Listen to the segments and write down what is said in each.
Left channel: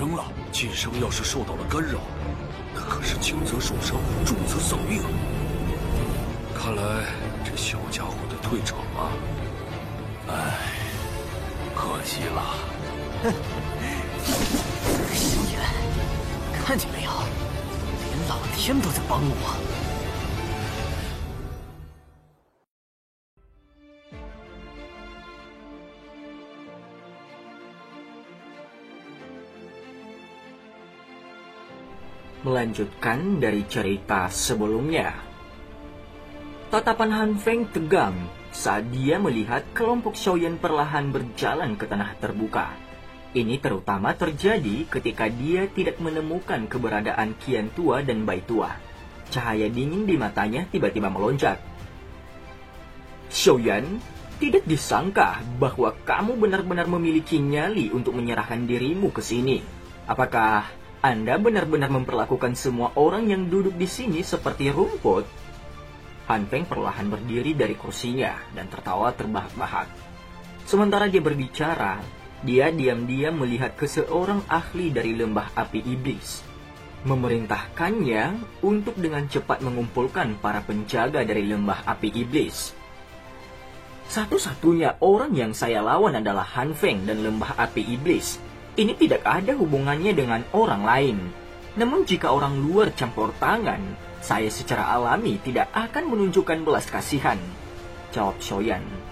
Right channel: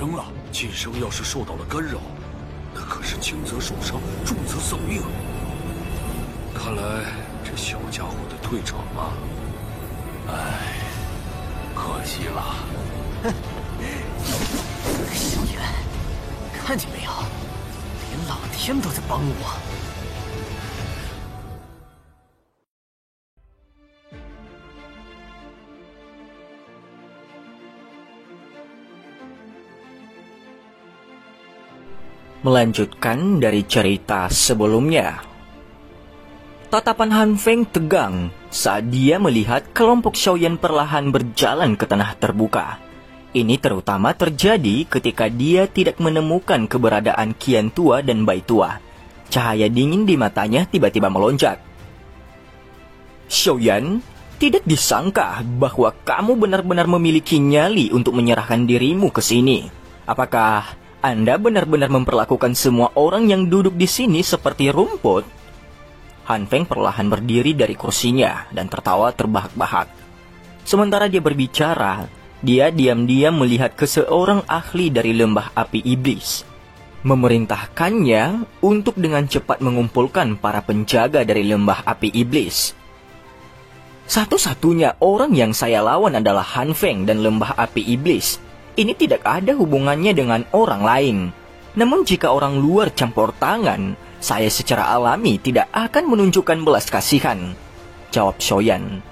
生了。晋升要是受到了干扰，那可是轻则受伤，重则丧命。看来这小家伙得退场啊！唉，可惜了。哼，萧炎，看见没有，连老天都在帮我。Melanjutkan dari cerita sebelumnya. Tatapan Han Feng tegang saat dia melihat kelompok Xiaoyan perlahan berjalan ke tanah terbuka. Ini terutama terjadi ketika dia tidak menemukan keberadaan Qian Tua dan Bai Tua. Cahaya dingin di matanya tiba-tiba melonjak. Xiaoyan, tidak disangka bahwa kamu benar-benar memiliki nyali untuk menyerahkan dirimu ke sini. Apakah Anda benar-benar memperlakukan semua orang yang duduk di sini seperti rumput? Han Feng perlahan berdiri dari kursinya dan tertawa terbahak-bahak. Sementara dia berbicara, dia diam-diam melihat ke seorang ahli dari lembah api iblis, memerintahkannya untuk dengan cepat mengumpulkan para penjaga dari lembah api iblis. Satu-satunya orang yang saya lawan adalah Han Feng dan lembah api iblis. Ini tidak ada hubungannya dengan orang lain. Namun jika orang luar campur tangan, saya secara alami tidak akan menunjukkan belas kasihan, jawab Xiaoyan.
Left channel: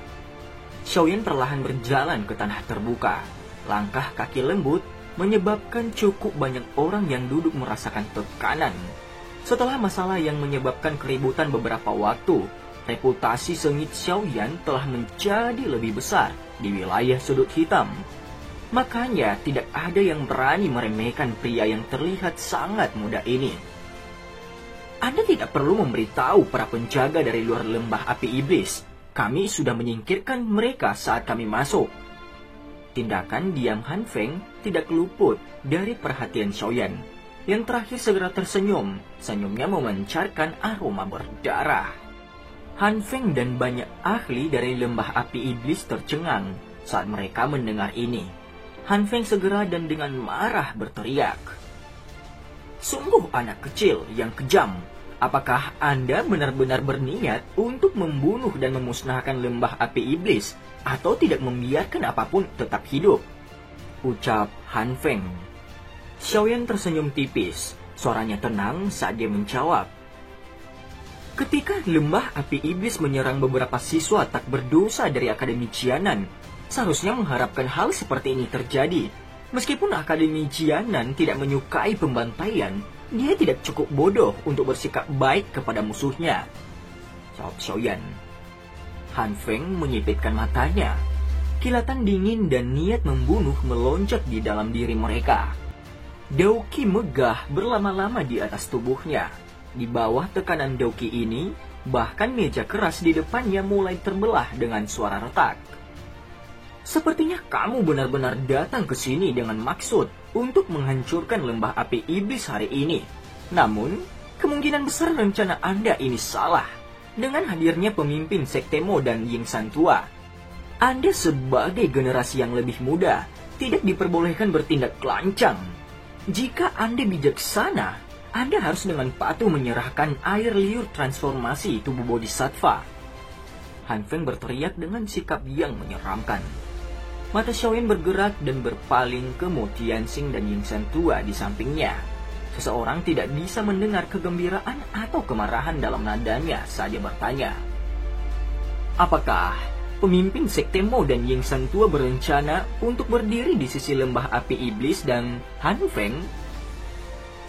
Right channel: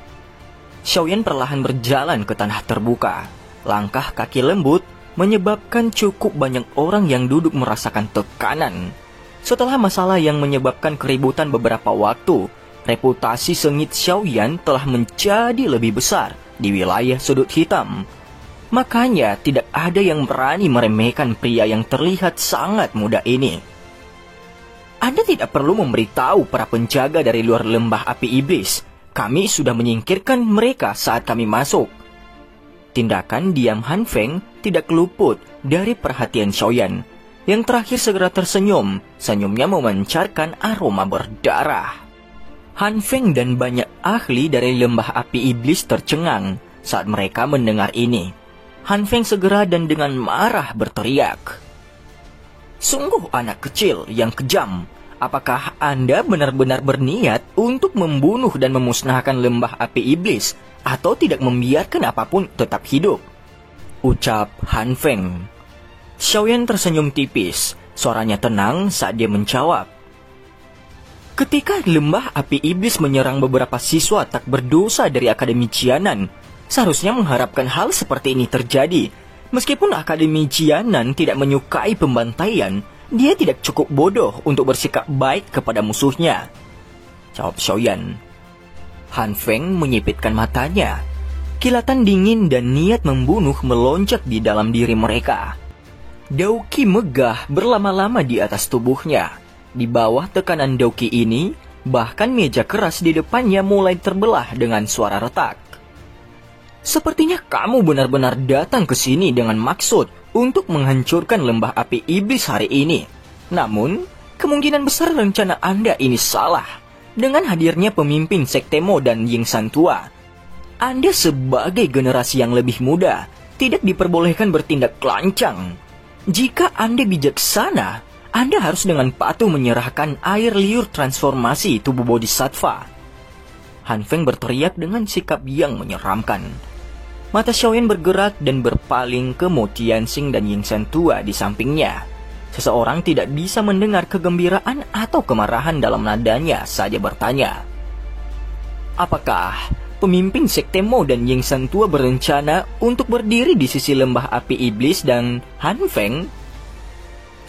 Xiaoyan perlahan berjalan ke tanah terbuka. Langkah kaki lembut menyebabkan cukup banyak orang yang duduk merasakan tekanan. Setelah masalah yang menyebabkan keributan beberapa waktu, reputasi sengit Xiaoyan telah menjadi lebih besar di wilayah sudut hitam. Makanya tidak ada yang berani meremehkan pria yang terlihat sangat muda ini. Anda tidak perlu memberitahu para penjaga dari luar lembah api iblis. Kami sudah menyingkirkan mereka saat kami masuk. Tindakan diam Han Feng tidak luput dari perhatian Xiaoyan. Yang terakhir segera tersenyum. Senyumnya memancarkan aroma berdarah. Han Feng dan banyak ahli dari lembah api iblis tercengang saat mereka mendengar ini. Han Feng segera dan dengan marah berteriak. Sungguh anak kecil yang kejam. Apakah Anda benar-benar berniat untuk membunuh dan memusnahkan lembah api iblis atau tidak membiarkan apapun tetap hidup? Ucap Han Feng. Xiaoyan tersenyum tipis. Suaranya tenang saat dia menjawab. Ketika lembah api iblis menyerang beberapa siswa tak berdosa dari Akademi Jianan, seharusnya mengharapkan hal seperti ini terjadi. Meskipun Akademi Jianan tidak menyukai pembantaian, dia tidak cukup bodoh untuk bersikap baik kepada musuhnya, jawab Xiaoyan. Han Feng menyipitkan matanya. Kilatan dingin dan niat membunuh melonjak di dalam diri mereka. Dauqi megah berlama-lama di atas tubuhnya. Di bawah tekanan Dauqi ini, bahkan meja keras di depannya mulai terbelah dengan suara retak. Sepertinya kamu benar-benar datang ke sini dengan maksud untuk menghancurkan lembah api iblis hari ini. Namun, kemungkinan besar rencana Anda ini salah. Dengan hadirnya pemimpin Sekte Mo dan Yingsan Tua, Anda sebagai generasi yang lebih muda tidak diperbolehkan bertindak lancang. Jika Anda bijaksana, Anda harus dengan patuh menyerahkan air liur transformasi tubuh Bodhisattva. Han Feng berteriak dengan sikap yang menyeramkan. Mata Xiaoyan bergerak dan berpaling ke Mo Tianxing dan Yingsan Tua di sampingnya. Seseorang tidak bisa mendengar kegembiraan atau kemarahan dalam nadanya saat dia bertanya. Apakah pemimpin Sekte Mo dan Yingsan Tua berencana untuk berdiri di sisi lembah api iblis dan Han Feng?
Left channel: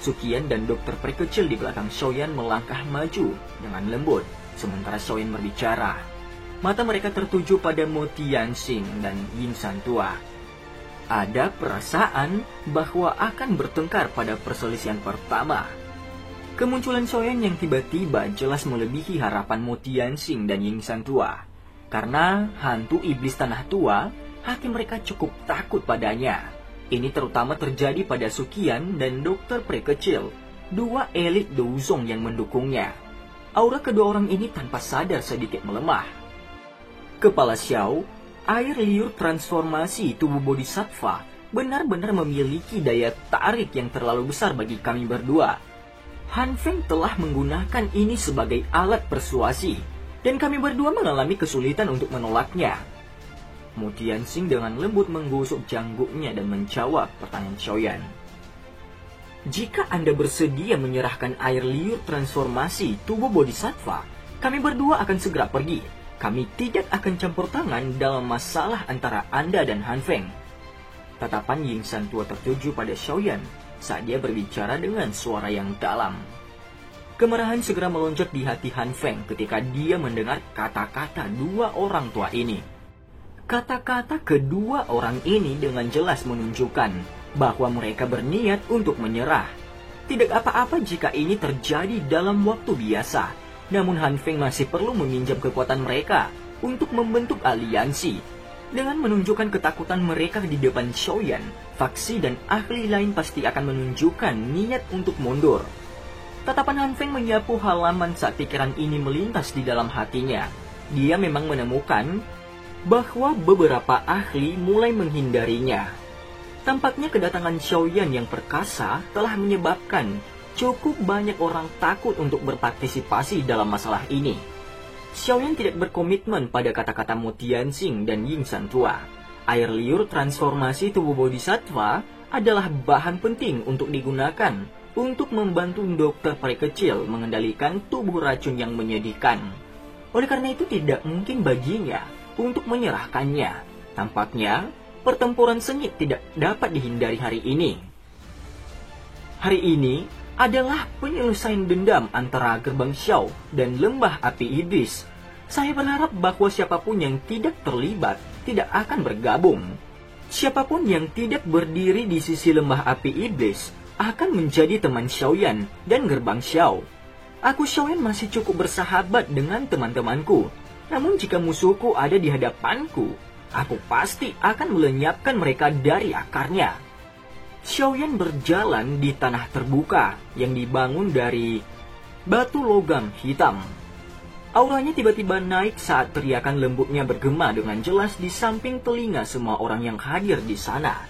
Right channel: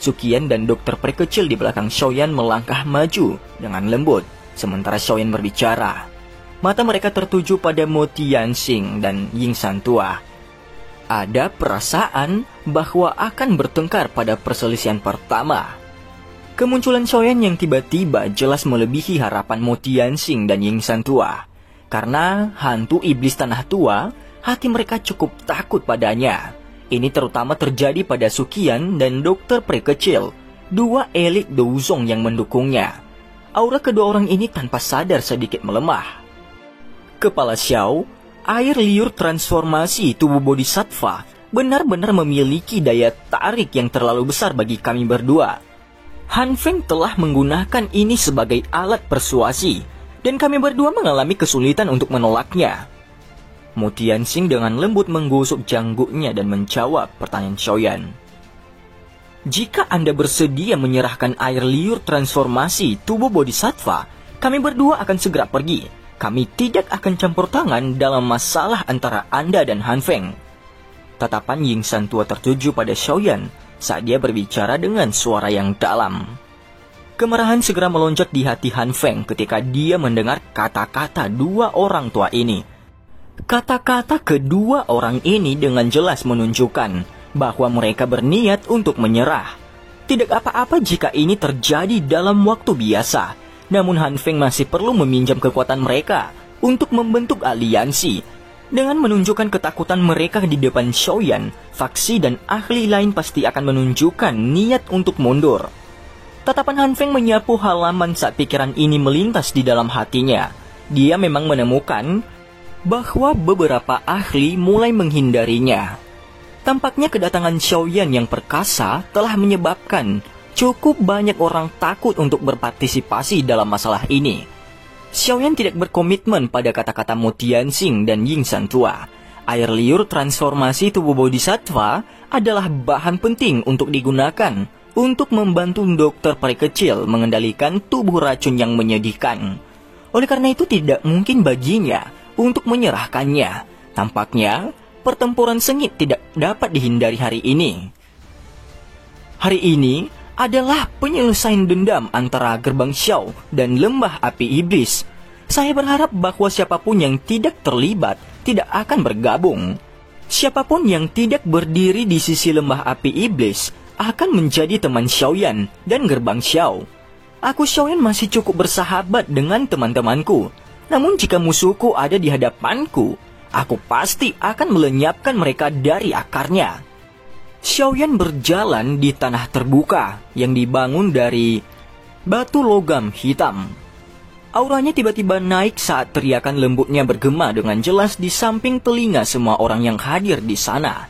Suqian dan dokter prekecil di belakang Xiaoyan melangkah maju dengan lembut, sementara Xiaoyan berbicara. Mata mereka tertuju pada Mo Tianxing dan Yingsan Tua. Ada perasaan bahwa akan bertengkar pada perselisihan pertama. Kemunculan Xiaoyan yang tiba-tiba jelas melebihi harapan Mo Tianxing dan Yingsan Tua. Karena hantu iblis tanah tua, hati mereka cukup takut padanya. Ini terutama terjadi pada Suqian dan dokter prekecil, dua elit Douzong yang mendukungnya. Aura kedua orang ini tanpa sadar sedikit melemah. Kepala Xiao, air liur transformasi tubuh Bodhisattva benar-benar memiliki daya tarik yang terlalu besar bagi kami berdua. Han Feng telah menggunakan ini sebagai alat persuasi, dan kami berdua mengalami kesulitan untuk menolaknya. Mu Tianxing dengan lembut menggosok janggutnya dan menjawab pertanyaan Xiaoyan. Jika Anda bersedia menyerahkan air liur transformasi tubuh bodhisattva, kami berdua akan segera pergi. Kami tidak akan campur tangan dalam masalah antara Anda dan Han Feng. Tatapan Ying San tua tertuju pada Xiaoyan saat dia berbicara dengan suara yang dalam. Kemarahan segera melonjak di hati Han Feng ketika dia mendengar kata-kata dua orang tua ini. Kata-kata kedua orang ini dengan jelas menunjukkan bahwa mereka berniat untuk menyerah. Tidak apa-apa jika ini terjadi dalam waktu biasa, namun Han Feng masih perlu meminjam kekuatan mereka untuk membentuk aliansi. Dengan menunjukkan ketakutan mereka di depan Xiaoyan, faksi dan ahli lain pasti akan menunjukkan niat untuk mundur. Tatapan Han Feng menyapu halaman saat pikiran ini melintas di dalam hatinya. Dia memang menemukan bahwa beberapa ahli mulai menghindarinya. Tampaknya kedatangan Xiaoyan yang perkasa telah menyebabkan cukup banyak orang takut untuk berpartisipasi dalam masalah ini. Xiaoyan tidak berkomitmen pada kata-kata Mu Tianxing dan Ying San tua. Air liur transformasi tubuh bodhisattva adalah bahan penting untuk digunakan untuk membantu dokter peri kecil mengendalikan tubuh racun yang menyedihkan. Oleh karena itu tidak mungkin baginya untuk menyerahkannya. Tampaknya pertempuran sengit tidak dapat dihindari hari ini. Hari ini adalah penyelesaian dendam antara Gerbang Xiao dan Lembah Api Iblis. Saya berharap bahwa siapapun yang tidak terlibat tidak akan bergabung. Siapapun yang tidak berdiri di sisi Lembah Api Iblis akan menjadi teman Xiaoyan dan Gerbang Xiao. Aku Xiaoyan masih cukup bersahabat dengan teman-temanku. Namun jika musuhku ada di hadapanku, aku pasti akan melenyapkan mereka dari akarnya. Xiaoyan berjalan di tanah terbuka yang dibangun dari batu logam hitam. Auranya tiba-tiba naik saat teriakan lembutnya bergema dengan jelas di samping telinga semua orang yang hadir di sana.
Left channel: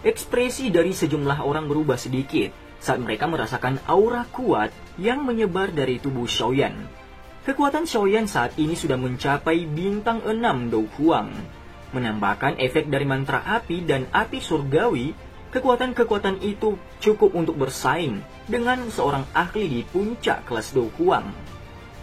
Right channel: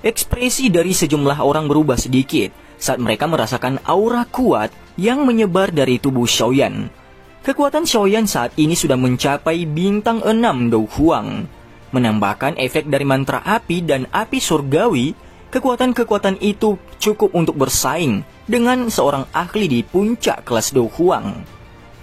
Ekspresi dari sejumlah orang berubah sedikit saat mereka merasakan aura kuat yang menyebar dari tubuh Xiaoyan. Kekuatan Xiaoyan saat ini sudah mencapai bintang 6 Dou Huang. Menambahkan efek dari mantra api dan api surgawi, kekuatan-kekuatan itu cukup untuk bersaing dengan seorang ahli di puncak kelas Dou Huang.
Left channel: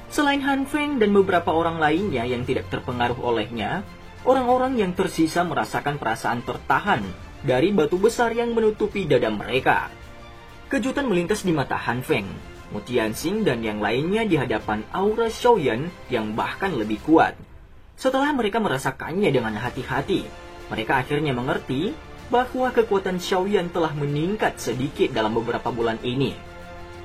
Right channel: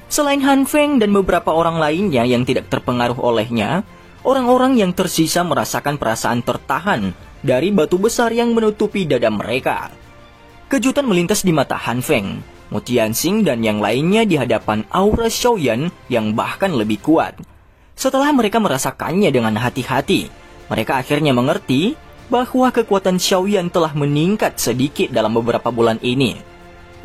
Selain Han Feng dan beberapa orang lainnya yang tidak terpengaruh olehnya, orang-orang yang tersisa merasakan perasaan tertahan dari batu besar yang menutupi dada mereka. Kejutan melintas di mata Han Feng, Mu Tianxing dan yang lainnya di hadapan aura Xiaoyan yang bahkan lebih kuat. Setelah mereka merasakannya dengan hati-hati, mereka akhirnya mengerti bahwa kekuatan Xiaoyan telah meningkat sedikit dalam beberapa bulan ini.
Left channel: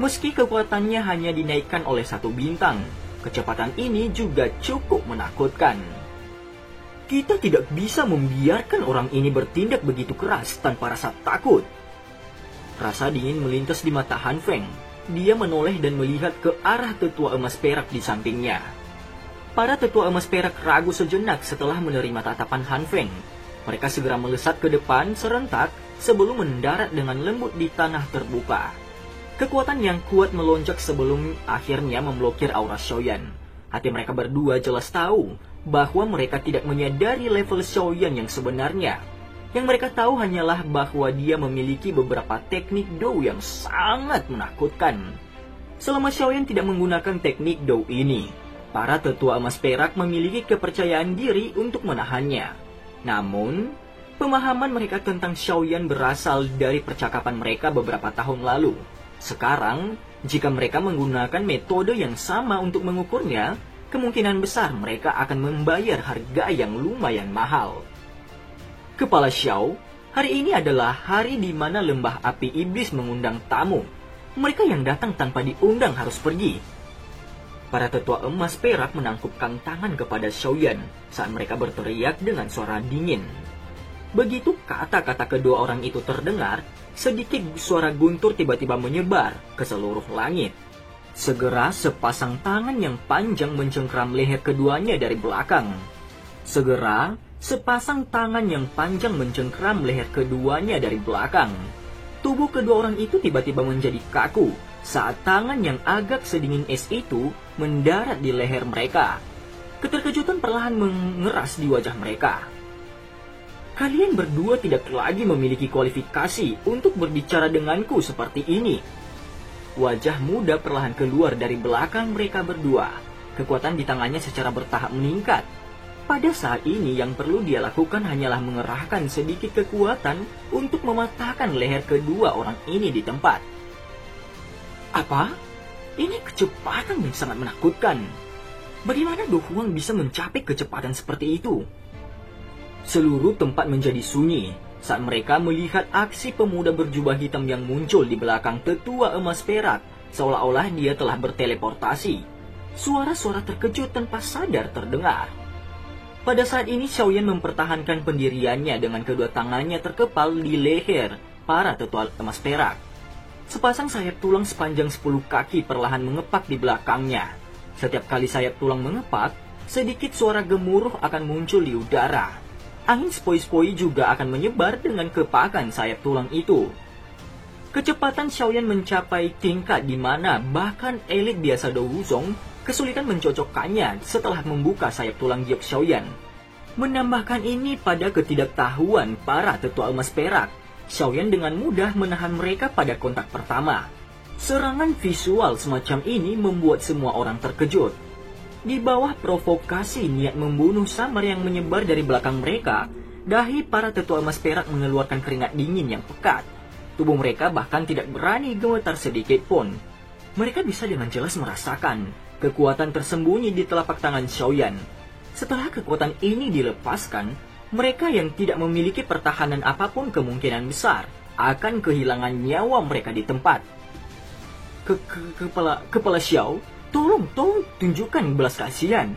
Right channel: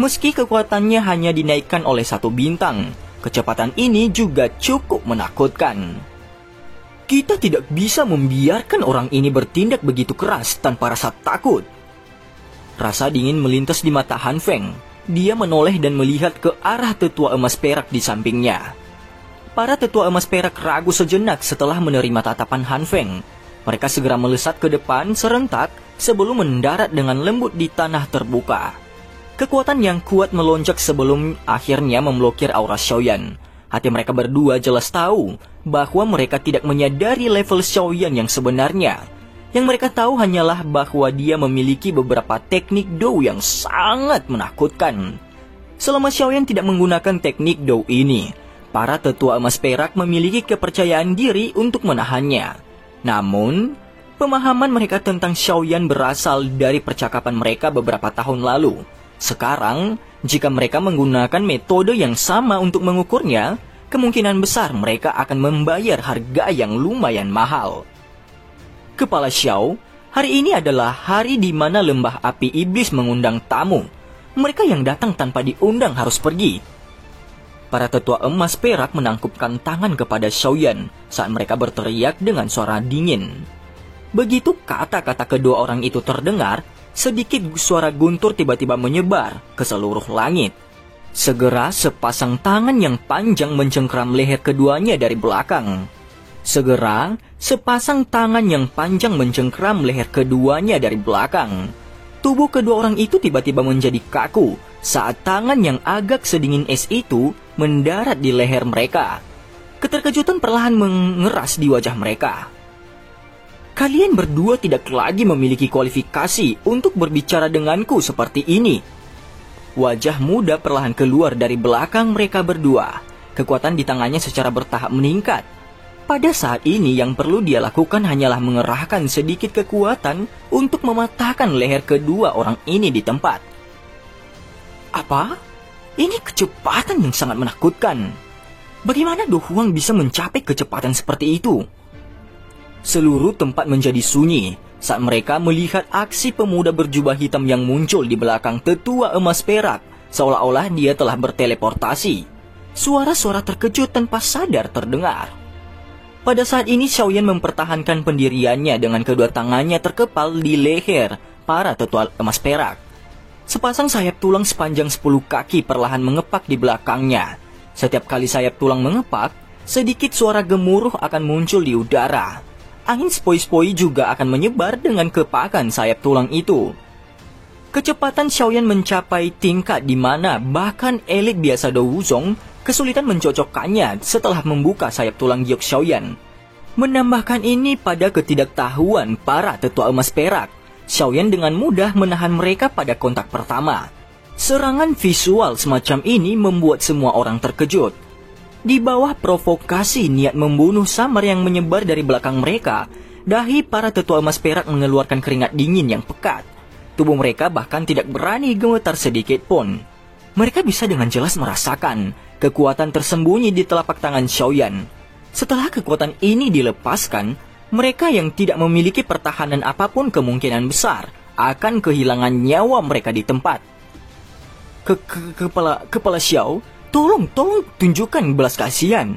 Meski kekuatannya hanya dinaikkan oleh 1 bintang, kecepatan ini juga cukup menakutkan. Kita tidak bisa membiarkan orang ini bertindak begitu keras tanpa rasa takut. Rasa dingin melintas di mata Han Feng. Dia menoleh dan melihat ke arah tetua emas perak di sampingnya. Para tetua emas perak ragu sejenak setelah menerima tatapan Han Feng. Mereka segera melesat ke depan serentak sebelum mendarat dengan lembut di tanah terbuka. Kekuatan yang kuat melonjak sebelum akhirnya memblokir aura Xiaoyan. Hati mereka berdua jelas tahu bahwa mereka tidak menyadari level Xiaoyan yang sebenarnya. Yang mereka tahu hanyalah bahwa dia memiliki beberapa teknik Dou yang sangat menakutkan. Selama Xiaoyan tidak menggunakan teknik Dou ini, para tetua emas perak memiliki kepercayaan diri untuk menahannya. Namun, pemahaman mereka tentang Xiaoyan berasal dari percakapan mereka beberapa tahun lalu. Sekarang, jika mereka menggunakan metode yang sama untuk mengukurnya, kemungkinan besar mereka akan membayar harga yang lumayan mahal. Kepala Xiao, hari ini adalah hari di mana Lembah Api Iblis mengundang tamu. Mereka yang datang tanpa diundang harus pergi. Para tetua emas perak menangkupkan tangan kepada Xiaoyan saat mereka berteriak dengan suara dingin. Begitu kata-kata kedua orang itu terdengar, sedikit suara guntur tiba-tiba menyebar ke seluruh langit. Segera sepasang tangan yang panjang mencengkeram leher keduanya dari belakang. Segera, sepasang tangan yang panjang mencengkram leher keduanya dari belakang. Tubuh kedua orang itu tiba-tiba menjadi kaku saat tangan yang agak sedingin es itu mendarat di leher mereka. Keterkejutan perlahan mengeras di wajah mereka. Kalian berdua tidak lagi memiliki kualifikasi untuk berbicara denganku seperti ini. Wajah muda perlahan keluar dari belakang mereka berdua. Kekuatan di tangannya secara bertahap meningkat. Pada saat ini yang perlu dia lakukan hanyalah mengerahkan sedikit kekuatan untuk mematahkan leher kedua orang ini di tempat. Apa? Ini kecepatan yang sangat menakutkan. Bagaimana Do Huang bisa mencapai kecepatan seperti itu? Seluruh tempat menjadi sunyi saat mereka melihat aksi pemuda berjubah hitam yang muncul di belakang tetua emas perak, seolah-olah dia telah berteleportasi. Suara-suara terkejut tanpa sadar terdengar. Pada saat ini Xiaoyan mempertahankan pendiriannya dengan kedua tangannya terkepal di leher para tetua emas perak. Sepasang sayap tulang sepanjang 10 kaki perlahan mengepak di belakangnya. Setiap kali sayap tulang mengepak, sedikit suara gemuruh akan muncul di udara. Angin sepoi-sepoi juga akan menyebar dengan kepakan sayap tulang itu. Kecepatan Xiaoyan mencapai tingkat di mana bahkan elit biasa Do Wuzong kesulitan mencocokkannya setelah membuka sayap tulang giok Xiaoyan. Menambahkan ini pada ketidaktahuan para tetua emas perak, Xiaoyan dengan mudah menahan mereka pada kontak pertama. Serangan visual semacam ini membuat semua orang terkejut. Di bawah provokasi niat membunuh samar yang menyebar dari belakang mereka, dahi para tetua emas perak mengeluarkan keringat dingin yang pekat. Tubuh mereka bahkan tidak berani gemetar sedikit pun. Mereka bisa dengan jelas merasakan kekuatan tersembunyi di telapak tangan Xiaoyan. Setelah kekuatan ini dilepaskan, mereka yang tidak memiliki pertahanan apapun kemungkinan besar akan kehilangan nyawa mereka di tempat. Kepala Xiao, tolong tunjukkan belas kasihan.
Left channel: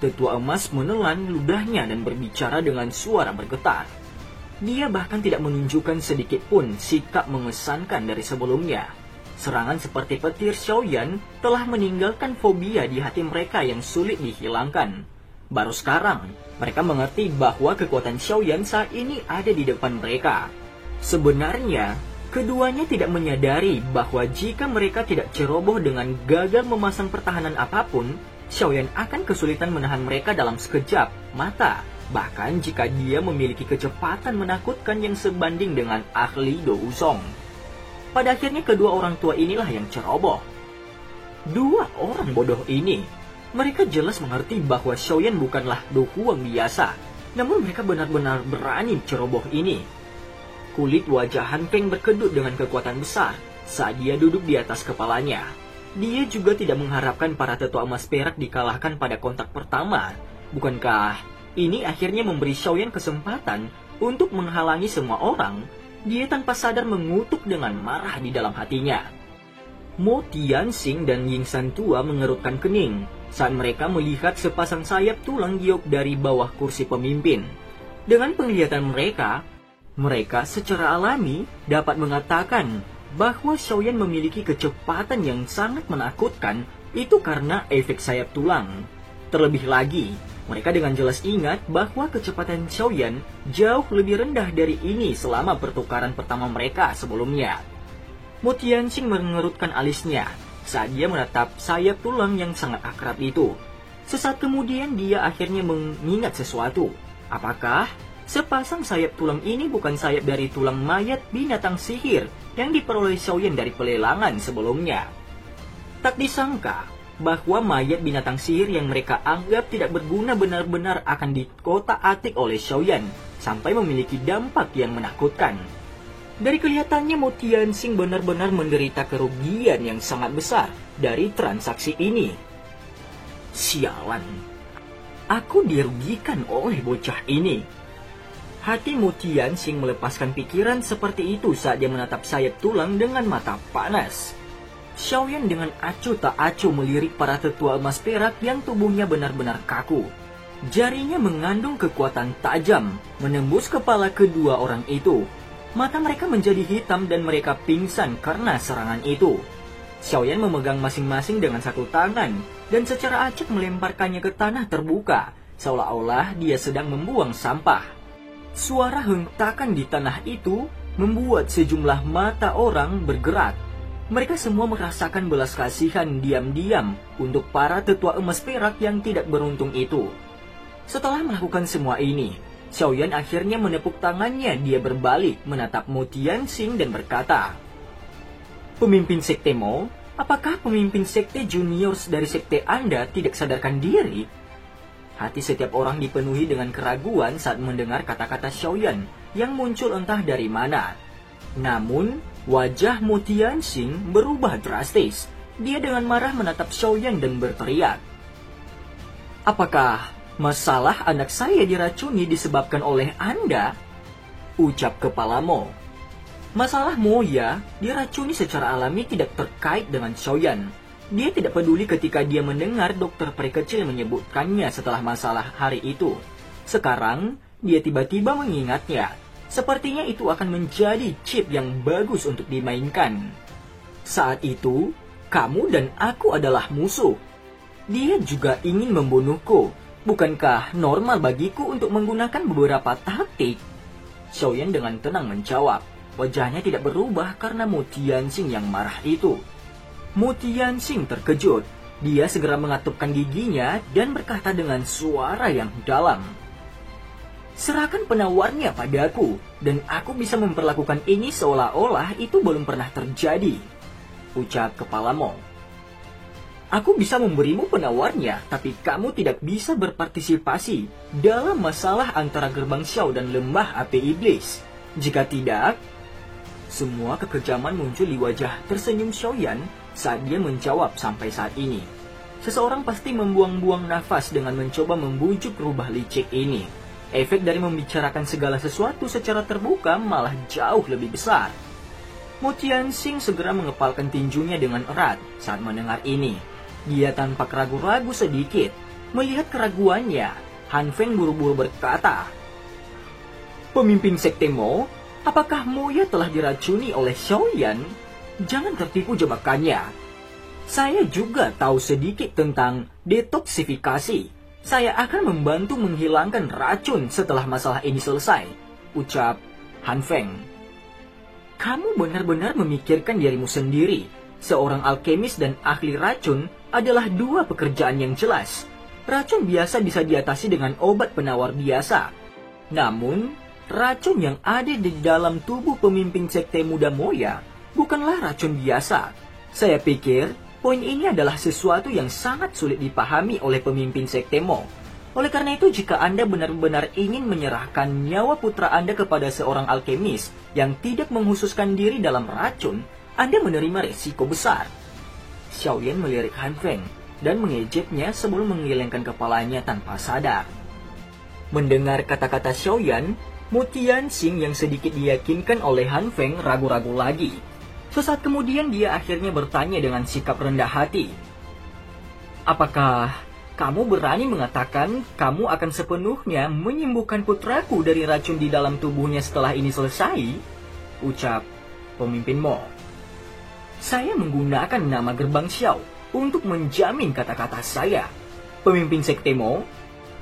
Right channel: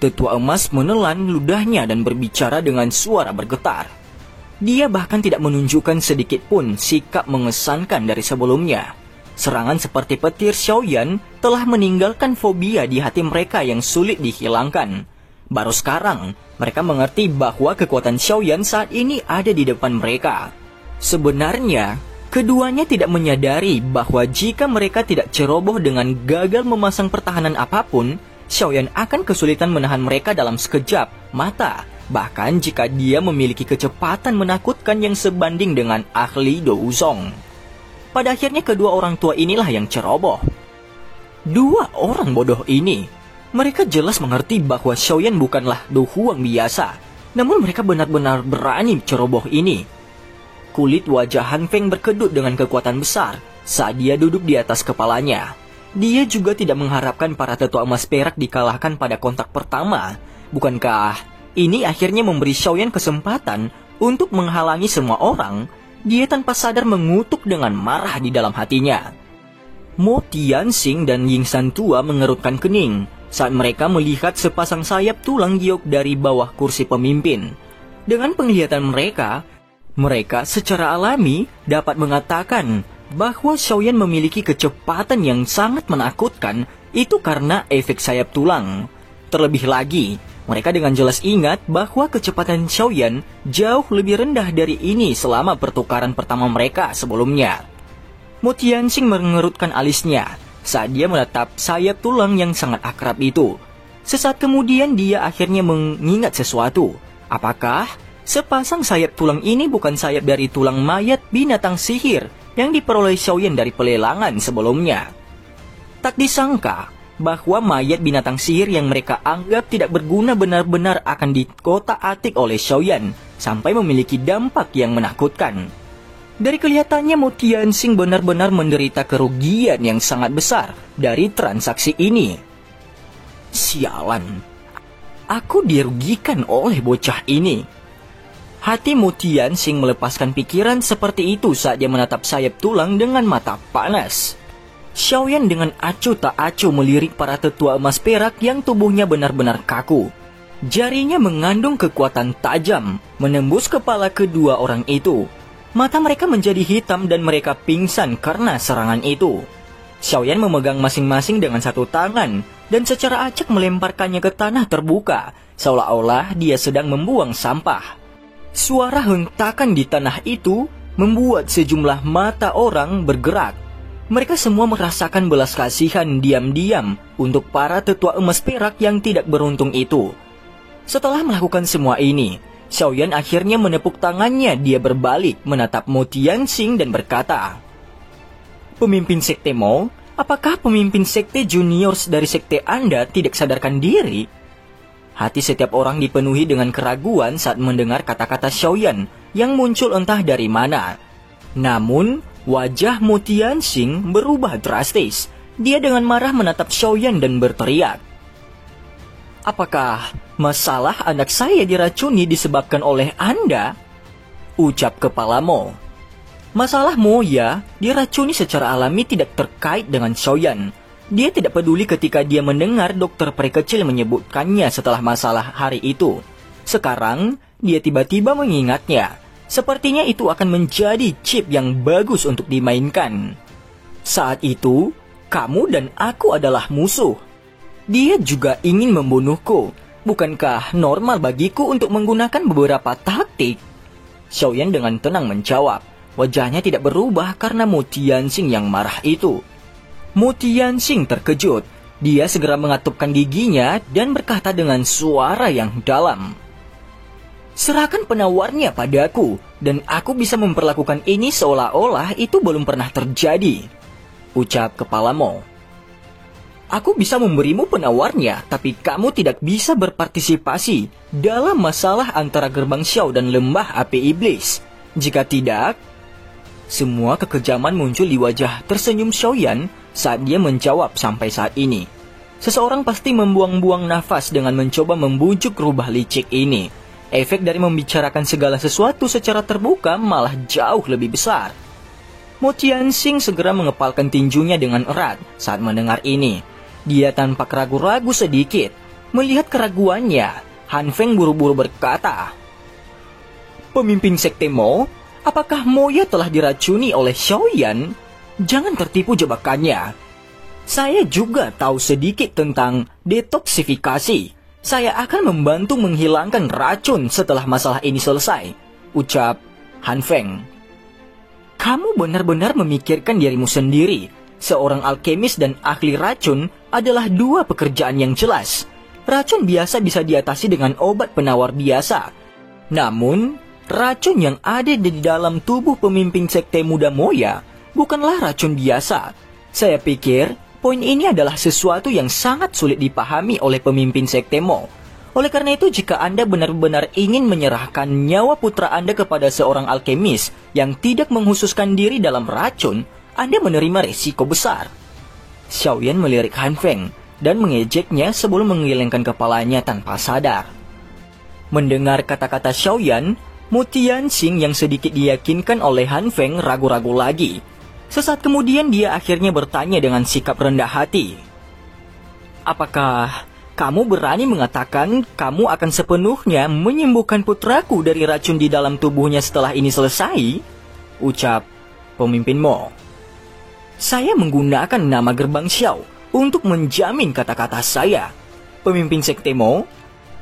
Tetua emas menelan ludahnya dan berbicara dengan suara bergetar. Dia bahkan tidak menunjukkan sedikit pun sikap mengesankan dari sebelumnya. Serangan seperti petir Xiaoyan telah meninggalkan fobia di hati mereka yang sulit dihilangkan. Baru sekarang, mereka mengerti bahwa kekuatan Xiaoyan saat ini ada di depan mereka. Sebenarnya, keduanya tidak menyadari bahwa jika mereka tidak ceroboh dengan gagal memasang pertahanan apapun, Xiaoyan akan kesulitan menahan mereka dalam sekejap mata. Bahkan jika dia memiliki kecepatan menakutkan yang sebanding dengan ahli Do Wuzong. Pada akhirnya kedua orang tua inilah yang ceroboh. Dua orang bodoh ini, mereka jelas mengerti bahwa Xiaoyan bukanlah Do Huang biasa. Namun mereka benar-benar berani ceroboh ini. Kulit wajah Han Feng berkedut dengan kekuatan besar saat dia duduk di atas kepalanya. Dia juga tidak mengharapkan para tetua emas perak dikalahkan pada kontak pertama. Bukankah ini akhirnya memberi Xiaoyan kesempatan untuk menghalangi semua orang? Dia tanpa sadar mengutuk dengan marah di dalam hatinya. Mo Tianxing dan Ying San tua mengerutkan kening saat mereka melihat sepasang sayap tulang giok dari bawah kursi pemimpin. Dengan penglihatan mereka secara alami dapat mengatakan bahwa Xiaoyan memiliki kecepatan yang sangat menakutkan itu karena efek sayap tulang. Terlebih lagi, mereka dengan jelas ingat bahwa kecepatan Xiaoyan jauh lebih rendah dari ini selama pertukaran pertama mereka sebelumnya. Mo Tianxing mengerutkan alisnya saat dia menatap sayap tulang yang sangat akrab itu. Sesaat kemudian dia akhirnya mengingat sesuatu. Apakah sepasang sayap tulang ini bukan sayap dari tulang mayat binatang sihir yang diperoleh Xiaoyan dari pelelangan sebelumnya? Tak disangka bahwa mayat binatang sihir yang mereka anggap tidak berguna benar-benar akan dikotak-atik oleh Xiaoyan sampai memiliki dampak yang menakutkan. Dari kelihatannya Mo Tianxing benar-benar menderita kerugian yang sangat besar dari transaksi ini. Sialan, aku dirugikan oleh bocah ini. Hati Mo Tianxing melepaskan pikiran seperti itu saat dia menatap sayap tulang dengan mata panas. Xiaoyan dengan acuh tak acuh melirik para tetua emas perak yang tubuhnya benar-benar kaku. Jarinya mengandung kekuatan tajam, menembus kepala kedua orang itu. Mata mereka menjadi hitam dan mereka pingsan karena serangan itu. Xiaoyan memegang masing-masing dengan satu tangan dan secara acak melemparkannya ke tanah terbuka seolah-olah dia sedang membuang sampah. Suara hentakan di tanah itu membuat sejumlah mata orang bergerak. Mereka semua merasakan belas kasihan diam-diam untuk para tetua emas perak yang tidak beruntung itu. Setelah melakukan semua ini, Xiaoyan akhirnya menepuk tangannya. Dia berbalik menatap Mo Tianxing dan berkata, "Pemimpin sekte Mo, apakah pemimpin sekte juniors dari sekte Anda tidak sadarkan diri?" Hati setiap orang dipenuhi dengan keraguan saat mendengar kata-kata Xiaoyan yang muncul entah dari mana. Namun, wajah Mo Tianxing berubah drastis. Dia dengan marah menatap Xiaoyan dan berteriak, "Apakah masalah anak saya diracuni disebabkan oleh Anda?" Ucap kepala Mo. Masalah Mo ya diracuni secara alami tidak terkait dengan Xiaoyan. Dia tidak peduli ketika dia mendengar dokter peri kecil menyebutkannya setelah masalah hari itu. Sekarang, dia tiba-tiba mengingatnya. Sepertinya itu akan menjadi chip yang bagus untuk dimainkan. Saat itu, kamu dan aku adalah musuh. Dia juga ingin membunuhku. Bukankah normal bagiku untuk menggunakan beberapa taktik? Xiaoyan dengan tenang menjawab. Wajahnya tidak berubah karena Mo Tianxing yang marah itu. Mo Tianxing terkejut. Dia segera mengatupkan giginya dan berkata dengan suara yang dalam, "Serahkan penawarnya padaku, dan aku bisa memperlakukan ini seolah-olah itu belum pernah terjadi." Ucap kepala Mo. "Aku bisa memberimu penawarnya, tapi kamu tidak bisa berpartisipasi dalam masalah antara Gerbang Xiao dan Lembah Api Iblis. Jika tidak..." Semua kekejaman muncul di wajah tersenyum Xiaoyan saat dia menjawab sampai saat ini. Seseorang pasti membuang-buang nafas dengan mencoba membujuk rubah licik ini. Efek dari membicarakan segala sesuatu secara terbuka malah jauh lebih besar. Mo Tianxing segera mengepalkan tinjunya dengan erat saat mendengar ini. Dia tanpa ragu-ragu sedikit. Melihat keraguannya, Han Feng buru-buru berkata, "Pemimpin sekte Mo, apakah Moya telah diracuni oleh Xiaoyan? Jangan tertipu jebakannya. Saya juga tahu sedikit tentang detoksifikasi. Saya akan membantu menghilangkan racun setelah masalah ini selesai," ucap Han Feng. "Kamu benar-benar memikirkan dirimu sendiri. Seorang alkemis dan ahli racun adalah dua pekerjaan yang jelas. Racun biasa bisa diatasi dengan obat penawar biasa. Namun, racun yang ada di dalam tubuh pemimpin sekte muda Moya bukanlah racun biasa. Saya pikir poin ini adalah sesuatu yang sangat sulit dipahami oleh pemimpin sekte Mo. Oleh karena itu, jika Anda benar-benar ingin menyerahkan nyawa putra Anda kepada seorang alkemis yang tidak menghususkan diri dalam racun, Anda menerima risiko besar." Xiaoyan melirik Han Feng dan mengejeknya sebelum menggelengkan kepalanya tanpa sadar. Mendengar kata-kata Xiaoyan, Mo Tianxing yang sedikit diyakinkan oleh Han Feng ragu-ragu lagi. Sesaat kemudian dia akhirnya bertanya dengan sikap rendah hati, "Apakah kamu berani mengatakan kamu akan sepenuhnya menyembuhkan putraku dari racun di dalam tubuhnya setelah ini selesai?" Ucap pemimpin Mo. "Saya menggunakan nama Gerbang Xiao untuk menjamin kata-kata saya. Pemimpin sekte Mo,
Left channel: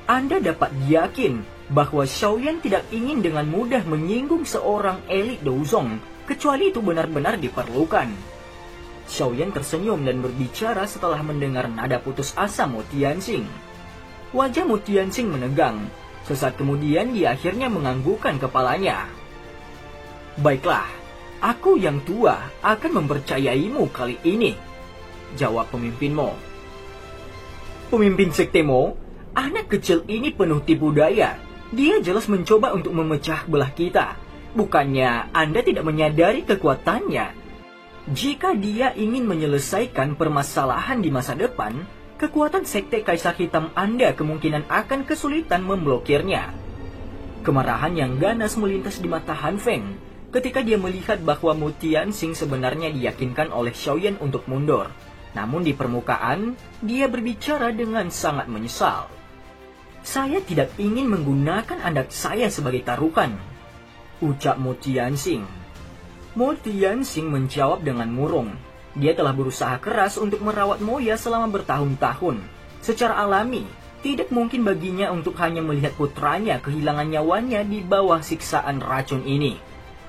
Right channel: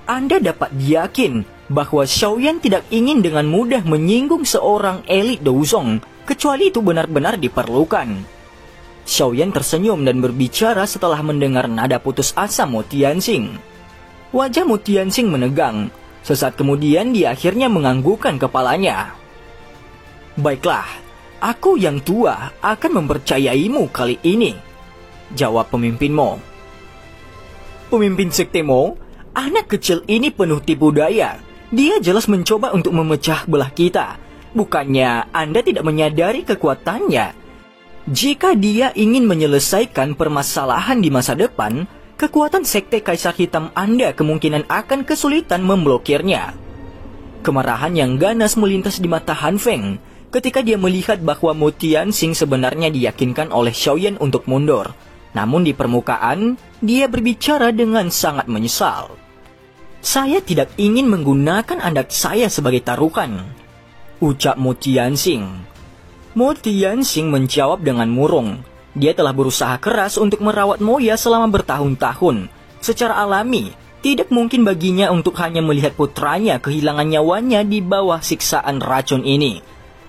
Anda dapat yakin bahwa Xiaoyan tidak ingin dengan mudah menyinggung seorang elit Douzong, kecuali itu benar-benar diperlukan." Xiaoyan tersenyum dan berbicara setelah mendengar nada putus asa Mo Tianxing. Wajah Mo Tianxing menegang. Sesaat kemudian dia akhirnya menganggukkan kepalanya. "Baiklah, aku yang tua akan mempercayaimu kali ini," jawab pemimpin Mo. "Pemimpin sekte Mo, anak kecil ini penuh tipu daya. Dia jelas mencoba untuk memecah belah kita. Bukannya Anda tidak menyadari kekuatannya? Jika dia ingin menyelesaikan permasalahan di masa depan, kekuatan sekte Kaisar Hitam Anda kemungkinan akan kesulitan memblokirnya." Kemarahan yang ganas melintas di mata Han Feng ketika dia melihat bahwa Mo Tianxing sebenarnya diyakinkan oleh Xiaoyan untuk mundur. Namun di permukaan, dia berbicara dengan sangat menyesal. "Saya tidak ingin menggunakan anak saya sebagai taruhan," ucap Mo Tianxing. Mo Tianxing menjawab dengan murung. Dia telah berusaha keras untuk merawat Moya selama bertahun-tahun. Secara alami, Tidak mungkin baginya untuk hanya melihat putranya kehilangan nyawanya di bawah siksaan racun ini.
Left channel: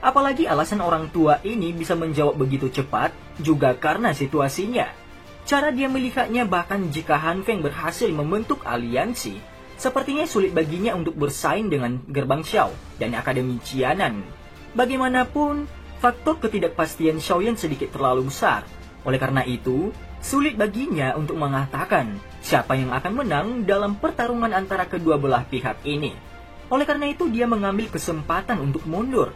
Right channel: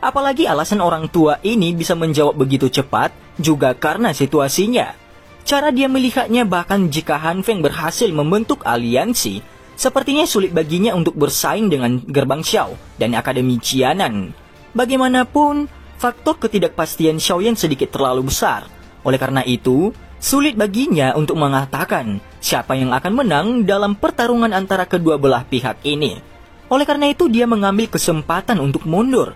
Apalagi alasan orang tua ini bisa menjawab begitu cepat juga karena situasinya. Cara dia melihatnya bahkan jika Han Feng berhasil membentuk aliansi, sepertinya sulit baginya untuk bersaing dengan Gerbang Xiao dan Akademi Qianan. Bagaimanapun, faktor ketidakpastian Xiaoyan sedikit terlalu besar. Oleh karena itu, sulit baginya untuk mengatakan siapa yang akan menang dalam pertarungan antara kedua belah pihak ini. Oleh karena itu, dia mengambil kesempatan untuk mundur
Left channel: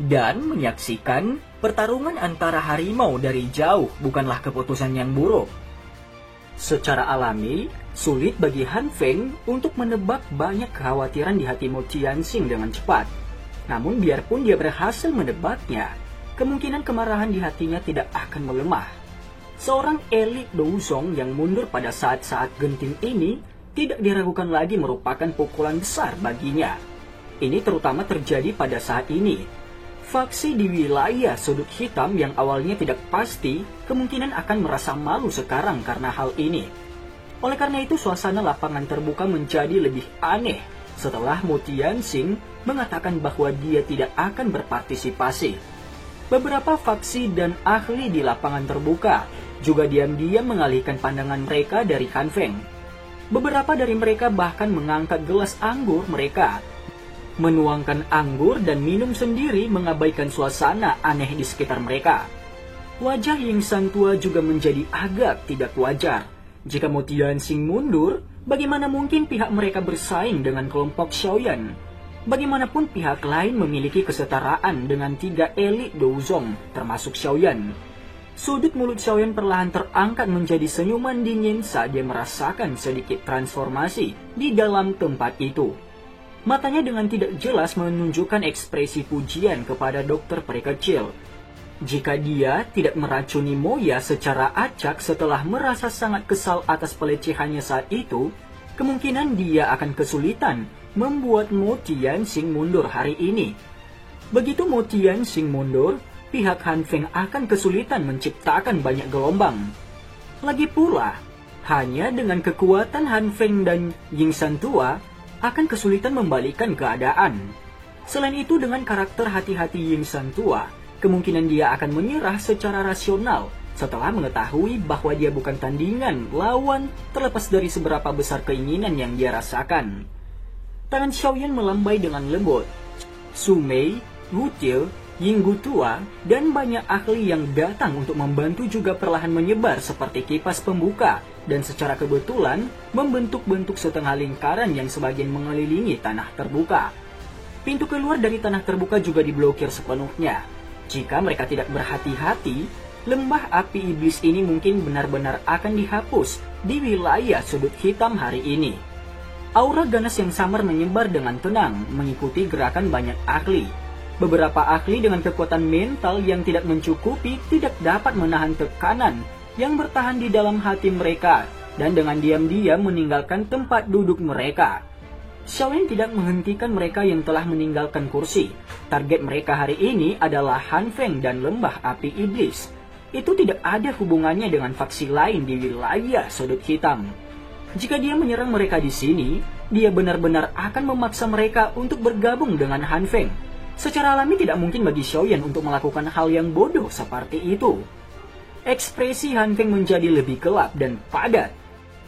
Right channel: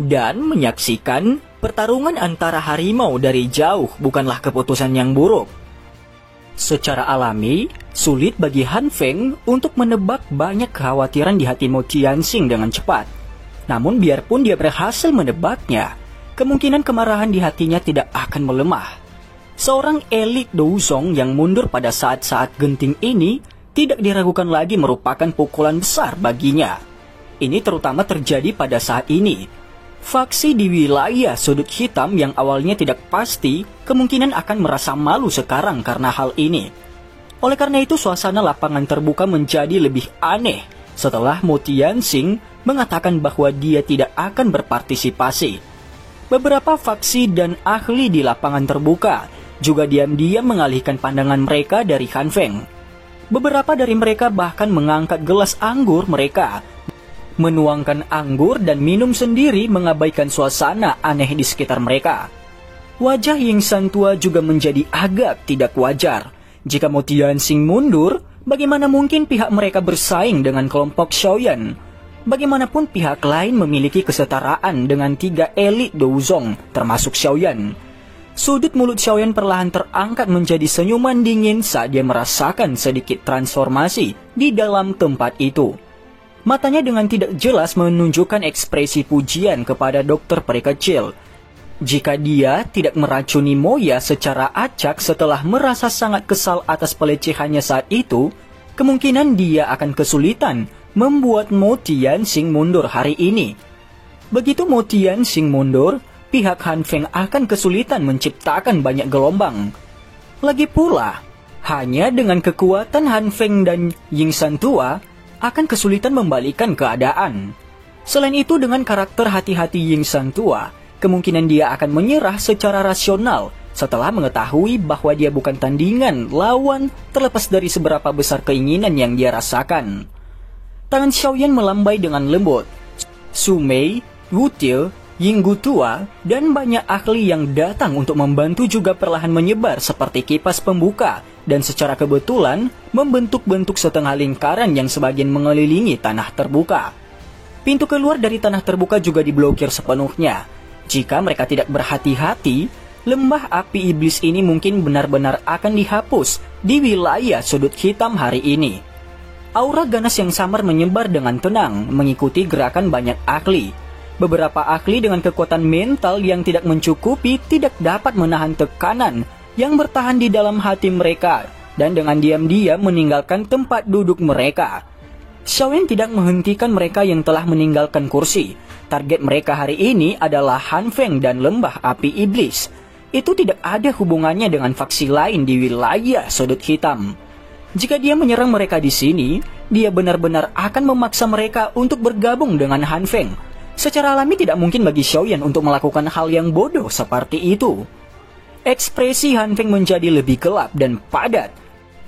dan menyaksikan pertarungan antara harimau dari jauh bukanlah keputusan yang buruk. Secara alami, sulit bagi Han Feng untuk menebak banyak kekhawatiran di hati Mo Tianxing dengan cepat. Namun biarpun dia berhasil menebaknya, kemungkinan kemarahan di hatinya tidak akan melemah. Seorang elit Douzong yang mundur pada saat-saat genting ini tidak diragukan lagi merupakan pukulan besar baginya. Ini terutama terjadi pada saat ini. Faksi di wilayah sudut hitam yang awalnya tidak pasti kemungkinan akan merasa malu sekarang karena hal ini. Oleh karena itu suasana lapangan terbuka menjadi lebih aneh setelah Mo Tianxing mengatakan bahwa dia tidak akan berpartisipasi. Beberapa faksi dan ahli di lapangan terbuka juga diam-diam mengalihkan pandangan mereka dari Han Feng. Beberapa dari mereka bahkan mengangkat gelas anggur mereka, menuangkan anggur dan minum sendiri mengabaikan suasana aneh di sekitar mereka. Wajah Yingsan tua juga menjadi agak tidak wajar. Jika Mo Tianxing mundur, bagaimana mungkin pihak mereka bersaing dengan kelompok Xiaoyan? Bagaimanapun pihak lain memiliki kesetaraan dengan 3 elit Douzong, termasuk Xiaoyan. Sudut mulut Xiaoyan perlahan terangkat menjadi senyuman dingin saat dia merasakan sedikit transformasi di dalam tempat itu. Matanya dengan tidak jelas menunjukkan ekspresi pujian kepada dokter peri kecil. Jika dia tidak meracuni Moya secara acak setelah merasa sangat kesal atas pelecehannya saat itu, kemungkinan dia akan kesulitan membuat Mo Tianxing mundur hari ini. Begitu Mo Tianxing mundur, pihak Han Feng akan kesulitan menciptakan banyak gelombang. Lagi pula, hanya dengan kekuatan Han Feng dan Yingsan tua, akan kesulitan membalikan keadaan. Selain itu, dengan karakter hati-hati Yingsan tua, kemungkinan dia akan menyerah secara rasional setelah mengetahui bahwa dia bukan tandingan lawan terlepas dari seberapa besar keinginan yang dia rasakan. Tangan Xiaoyan melambai dengan lembut. Su Mei, Wu Tio, Yinggu tua, dan banyak ahli yang datang untuk membantu juga perlahan menyebar seperti kipas pembuka, dan secara kebetulan membentuk-bentuk setengah lingkaran yang sebagian mengelilingi tanah terbuka. Pintu keluar dari tanah terbuka juga diblokir sepenuhnya. Jika mereka tidak berhati-hati, lembah api iblis ini mungkin benar-benar akan dihapus di wilayah sudut hitam hari ini. Aura ganas yang samar menyebar dengan tenang mengikuti gerakan banyak ahli. Beberapa ahli dengan kekuatan mental yang tidak mencukupi tidak dapat menahan tekanan yang bertahan di dalam hati mereka dan dengan diam-diam meninggalkan tempat duduk mereka. Xiaoyan tidak menghentikan mereka yang telah meninggalkan kursi. Target mereka hari ini adalah Han Feng dan lembah api iblis. Itu tidak ada hubungannya dengan faksi lain di wilayah sudut hitam. Jika dia menyerang mereka di sini, dia benar-benar akan memaksa mereka untuk bergabung dengan Han Feng. Secara alami tidak mungkin bagi Xiaoyan untuk melakukan hal yang bodoh seperti itu. Ekspresi Han Feng menjadi lebih gelap dan padat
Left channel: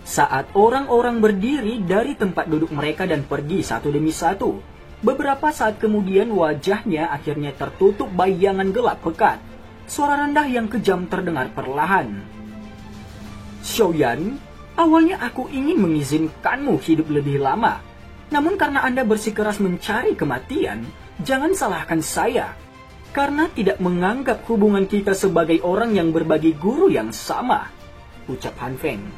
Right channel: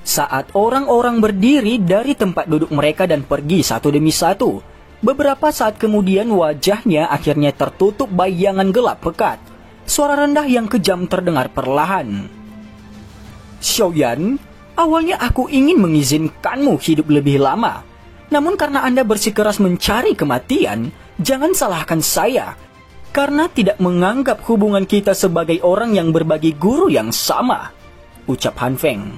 saat orang-orang berdiri dari tempat duduk mereka dan pergi satu demi satu. Beberapa saat kemudian wajahnya akhirnya tertutup bayangan gelap pekat. Suara rendah yang kejam terdengar perlahan. Xiaoyan, awalnya aku ingin mengizinkanmu hidup lebih lama. Namun karena Anda bersikeras mencari kematian, jangan salahkan saya. Karena tidak menganggap hubungan kita sebagai orang yang berbagi guru yang sama, ucap Han Feng.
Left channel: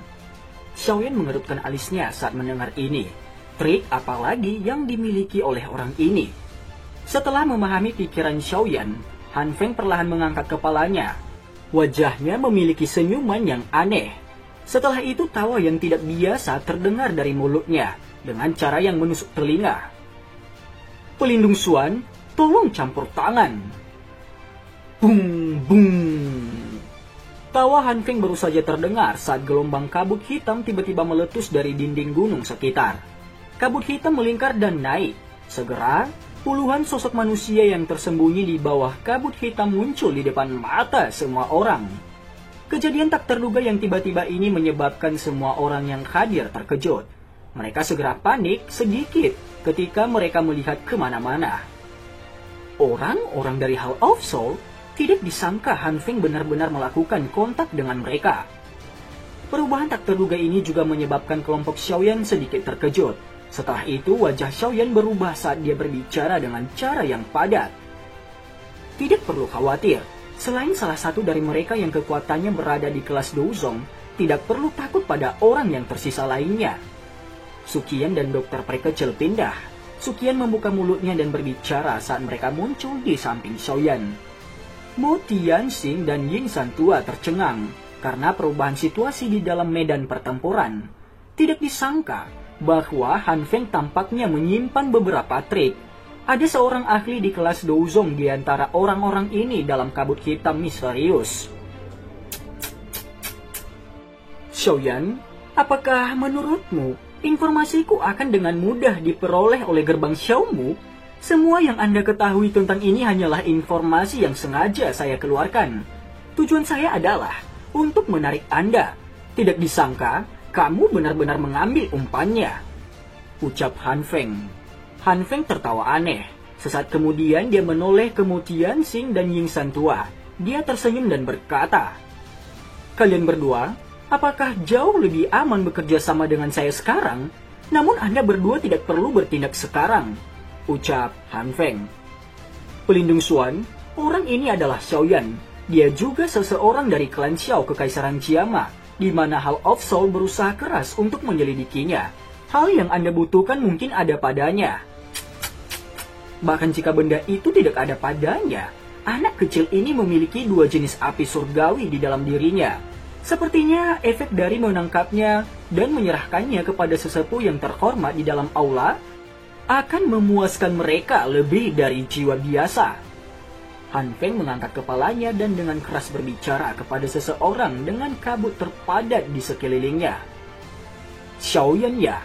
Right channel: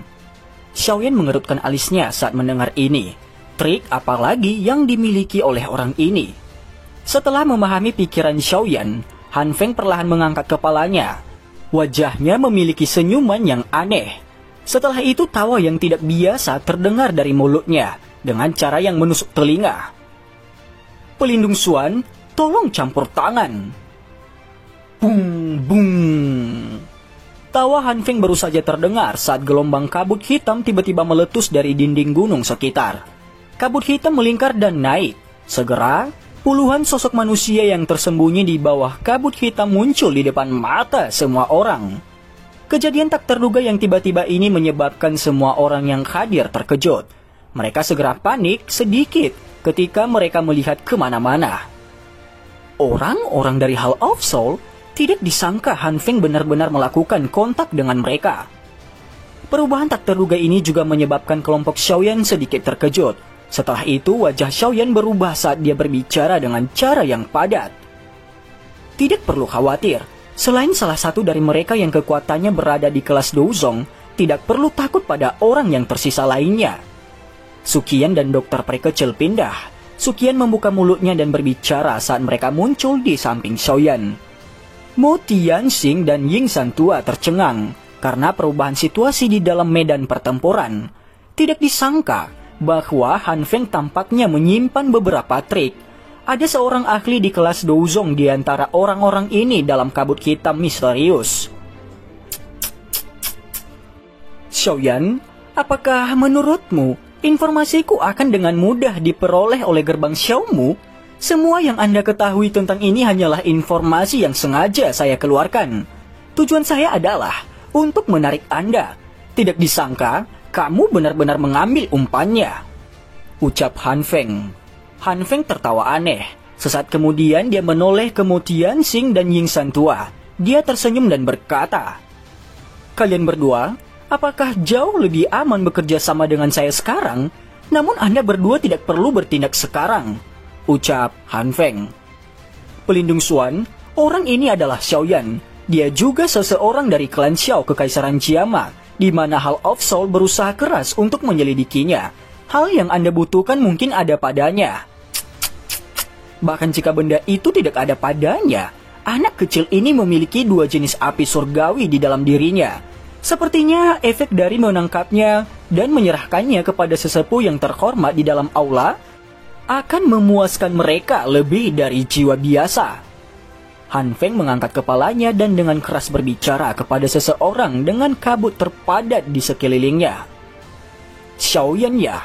Xiaoyan mengerutkan alisnya saat mendengar ini. Trik apalagi yang dimiliki oleh orang ini? Setelah memahami pikiran Xiaoyan, Han Feng perlahan mengangkat kepalanya. Wajahnya memiliki senyuman yang aneh. Setelah itu tawa yang tidak biasa terdengar dari mulutnya dengan cara yang menusuk telinga. Pelindung Xuan, tolong campur tangan. Bung, bung. Tawa Han Feng baru saja terdengar saat gelombang kabut hitam tiba-tiba meletus dari dinding gunung sekitar. Kabut hitam melingkar dan naik. Segera, puluhan sosok manusia yang tersembunyi di bawah kabut hitam muncul di depan mata semua orang. Kejadian tak terduga yang tiba-tiba ini menyebabkan semua orang yang hadir terkejut. Mereka segera panik sedikit ketika mereka melihat kemana-mana. Orang-orang dari Hall of Soul tidak disangka Han Feng benar-benar melakukan kontak dengan mereka. Perubahan tak terduga ini juga menyebabkan kelompok Xiaoyan sedikit terkejut. Setelah itu, wajah Xiaoyan berubah saat dia berbicara dengan cara yang padat. Tidak perlu khawatir, selain salah satu dari mereka yang kekuatannya berada di kelas Douzong, tidak perlu takut pada orang yang tersisa lainnya. Suqian dan dokter peri kecil pindah. Suqian membuka mulutnya dan berbicara saat mereka muncul di samping Xiaoyan. Mo Tianxing dan Ying Santua tercengang karena perubahan situasi di dalam medan pertempuran. Tidak disangka bahwa Han Feng tampaknya menyimpan beberapa trik. Ada seorang ahli di kelas Douzong di antara orang-orang ini dalam kabut hitam misterius. Xiaoyan, apakah menurutmu informasiku akan dengan mudah diperoleh oleh gerbang Xiaomu? Semua yang Anda ketahui tentang ini hanyalah informasi yang sengaja saya keluarkan. Tujuan saya adalah untuk menarik Anda. Tidak disangka, kamu benar-benar mengambil umpannya, ucap Han Feng. Han Feng tertawa aneh. Sesaat kemudian dia menoleh ke Mo Tianxing dan Ying Santua. Dia tersenyum dan berkata, "Kalian berdua, apakah jauh lebih aman bekerja sama dengan saya sekarang? Namun Anda berdua tidak perlu bertindak sekarang," ucap Han Feng. Pelindung Xuan, orang ini adalah Xiaoyan. Dia juga seseorang dari klan Xiao Kekaisaran Jiama, di mana Hall of Soul berusaha keras untuk menyelidikinya. Hal yang Anda butuhkan mungkin ada padanya. Bahkan jika benda itu tidak ada padanya, anak kecil ini memiliki dua jenis api surgawi di dalam dirinya. Sepertinya efek dari menangkapnya dan menyerahkannya kepada sesepuh yang terhormat di dalam aula akan memuaskan mereka lebih dari jiwa biasa. Han Feng mengangkat kepalanya dan dengan keras berbicara kepada seseorang dengan kabut terpadat di sekelilingnya. "Xiaoyan ya?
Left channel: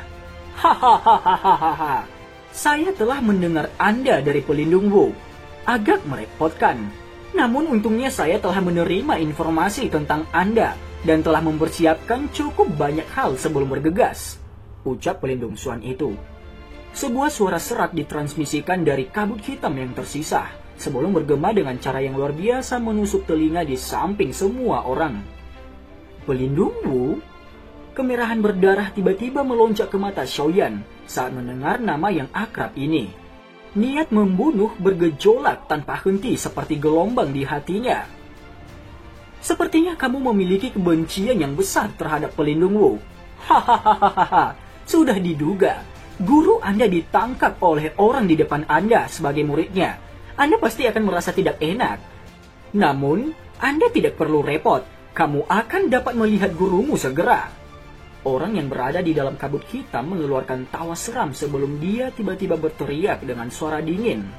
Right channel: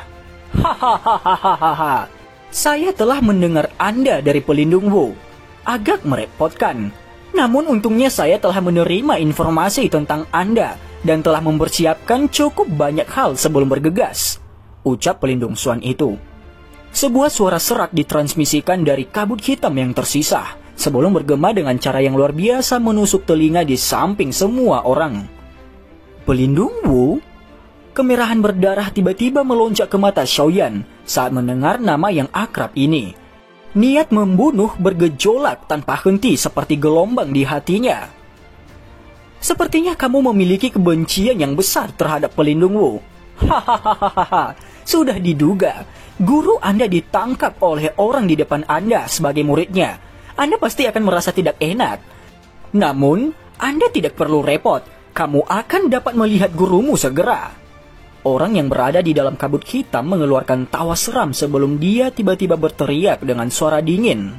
Hahaha. Saya telah mendengar Anda dari pelindung Wu. Agak merepotkan. Namun untungnya saya telah menerima informasi tentang Anda dan telah mempersiapkan cukup banyak hal sebelum bergegas," ucap pelindung Xuan itu. Sebuah suara serak ditransmisikan dari kabut hitam yang tersisa sebelum bergema dengan cara yang luar biasa menusuk telinga di samping semua orang. "Pelindung Wu?" Kemerahan berdarah tiba-tiba melonjak ke mata Xiaoyan saat mendengar nama yang akrab ini. Niat membunuh bergejolak tanpa henti seperti gelombang di hatinya. "Sepertinya kamu memiliki kebencian yang besar terhadap pelindung Wu. Hahaha, sudah diduga. Guru Anda ditangkap oleh orang di depan Anda sebagai muridnya. Anda pasti akan merasa tidak enak. Namun, Anda tidak perlu repot. Kamu akan dapat melihat gurumu segera." Orang yang berada di dalam kabut hitam mengeluarkan tawa seram sebelum dia tiba-tiba berteriak dengan suara dingin.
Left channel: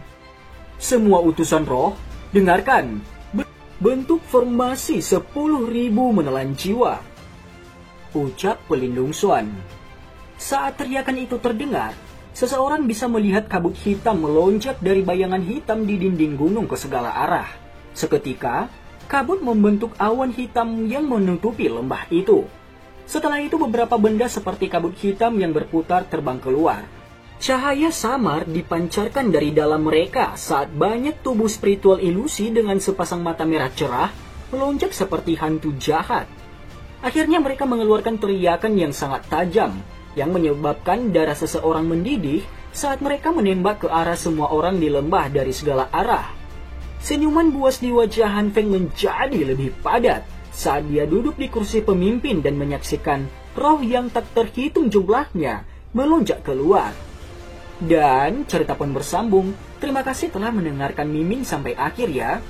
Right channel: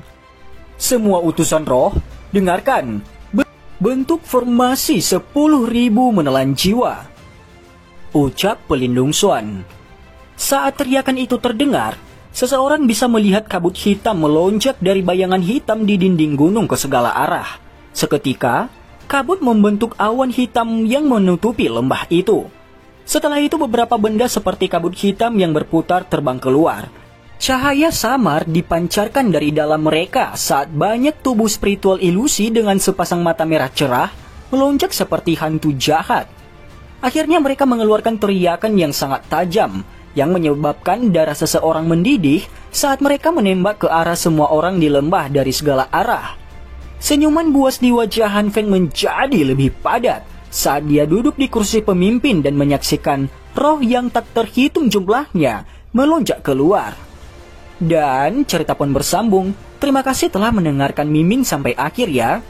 "Semua utusan roh, dengarkan. Bentuk formasi 10.000 menelan jiwa," ucap pelindung Xuan. Saat teriakan itu terdengar, seseorang bisa melihat kabut hitam melonjak dari bayangan hitam di dinding gunung ke segala arah. Seketika, kabut membentuk awan hitam yang menutupi lembah itu. Setelah itu beberapa benda seperti kabut hitam yang berputar terbang keluar. Cahaya samar dipancarkan dari dalam mereka saat banyak tubuh spiritual ilusi dengan sepasang mata merah cerah melonjak seperti hantu jahat. Akhirnya mereka mengeluarkan teriakan yang sangat tajam yang menyebabkan darah seseorang mendidih saat mereka menembak ke arah semua orang di lembah dari segala arah. Senyuman buas di wajah Han Feng menjadi lebih padat saat dia duduk di kursi pemimpin dan menyaksikan roh yang tak terhitung jumlahnya melonjak keluar. Dan cerita pun bersambung. Terima kasih telah mendengarkan Miming sampai akhir ya.